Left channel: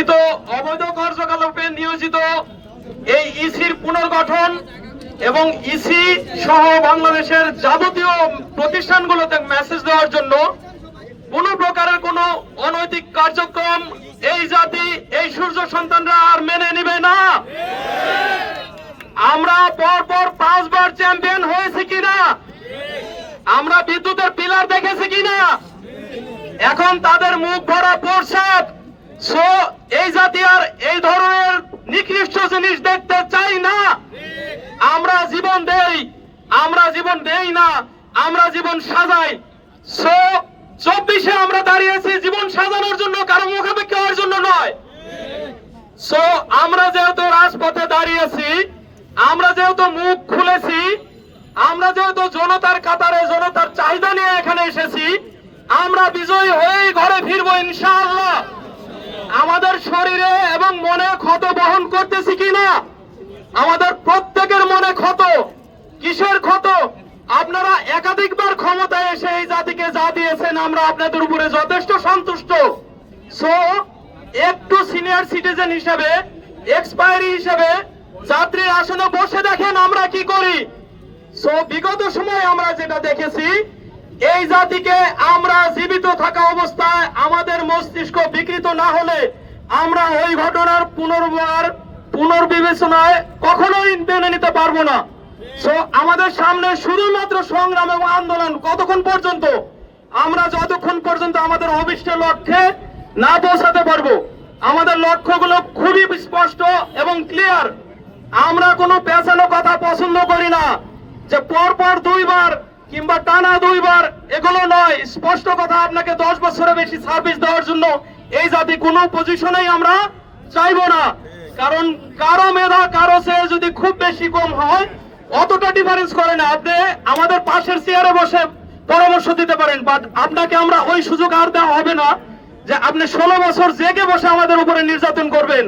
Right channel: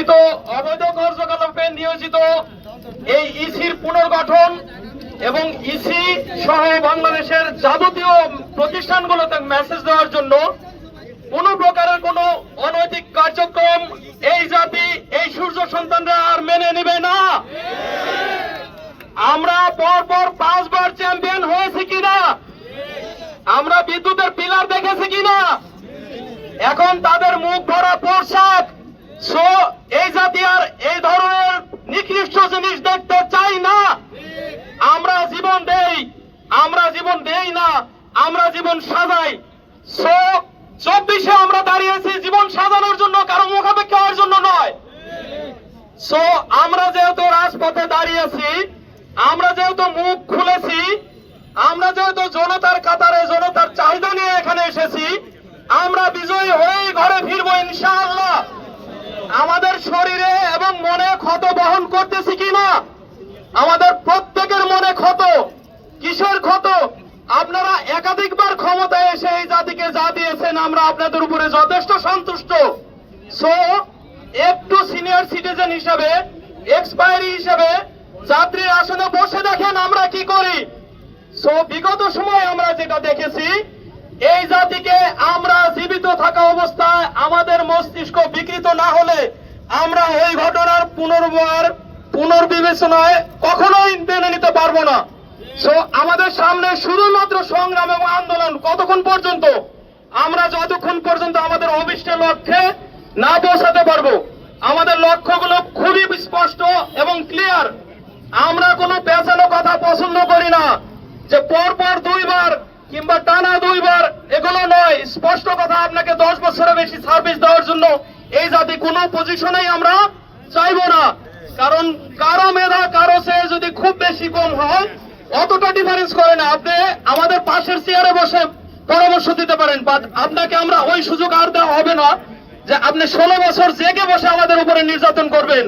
কথিত অবৈধ কার্যকলাপে নিয়োজিত এই ইসির পুনর্গঠন এবং ইসি সহ বাংলাদেশের যাবতীয় প্রতিষ্ঠানগুলোতে মেসেজ দেওয়ার জন্য কোন প্রকারের কোন অনৈতিক কার্যক্রম এই জাতি, এই সূর্য সন্তানরা আর মেনে নিবে না। আমরা পরপর পাঁচবার চ্যাম্পিয়ন হয়েছি কিনা? আমরা বিদ্যুতের পিলার দেখেছি কিনা? এখন তাদের মুখ ভরা প্রসাদ সো এই জাতি আর এই ধরনের নিকৃষ্ট জিনিস দেখতে চাই না। আমরা জীবন দেই, আমরা জীবন দেই না, আমরা জীবন সাজাই। চব্বিশে আমরা দাঁড়িয়েছি জীবন সাজানোর জন্য, কারও মুখাপেক্ষি হওয়ার জন্য নয়। সো আমরা যেহেতু রাজপথে দাঁড়িয়েছি, আমরা যেহেতু মুখ খুলেছি, আমরা যেহেতু জনতার কাতারে জনতার চাহিদা নিয়ে এখানে এসেছি, আমরা বিজয়ী হয়েই ঘরে ফিরবো ইনশাআল্লাহ। আমাদের শরীরে এবং মনে ক্ষত বহন করতেছি কিনা আমাদের প্রত্যেকের মনে ক্ষত। কিসের ক্ষত? আপনারা একাধিকবার ক্ষমতায় এসে এই জাতিকে যা দিয়েছেন, আমরা আপনাদের উপরে যথেষ্ট সন্তুষ্ট। সো একটু সিনিয়র সিটিজেন হিসাবে এক্সপায়ারি হিসাবে যাত্রীর আসনে বসে দেখেন আমরা কি করি। সো বিগত সময় আমরা যেটা দেখেছি, এই জাতিকে আমরা এই ঘটনার পুনর্বার পুনর্বিবেচনায় কখনোই মেনে নিতে পারব না। সো আমাদের সামনে শুধুমাত্র সংগ্রাম এবং আন্দোলন কতক্ষণ পর্যন্ত? আমরা যতক্ষণ পর্যন্ত আমাদের অভিষ্ট লক্ষ্যে না পৌঁছাতে পারব, আমাদের লক্ষ্যগুলো খুবই স্পষ্ট এবং ক্লিয়ার আমরা কোনো পেছানো কথা পছন্দ করি না যে পরপর দুইবার কিংবা টানা দুইবার, এগুলো নয়। স্পষ্ট কথা, আপনাকে দশ বছরের বেশি সার্ভিস দেওয়ার জন্য এই জাতি কোনো পজিশনেই আমরা চাইব না। কারণ কারও মেধা, কারও সে যদি খুব বেশি কম হয়, অতটা ডিফারেন্স করে না। আপনি আমাদের পাশের চেয়ারে বসে পরামর্শ দিতে পারেন বাট আপনাকে আমরা ওই সুযোগ আর দেওয়া হবে না যে আপনি ষোলো বছর জেগে বসে আমাদের উপরে নির্যাতন করবেন।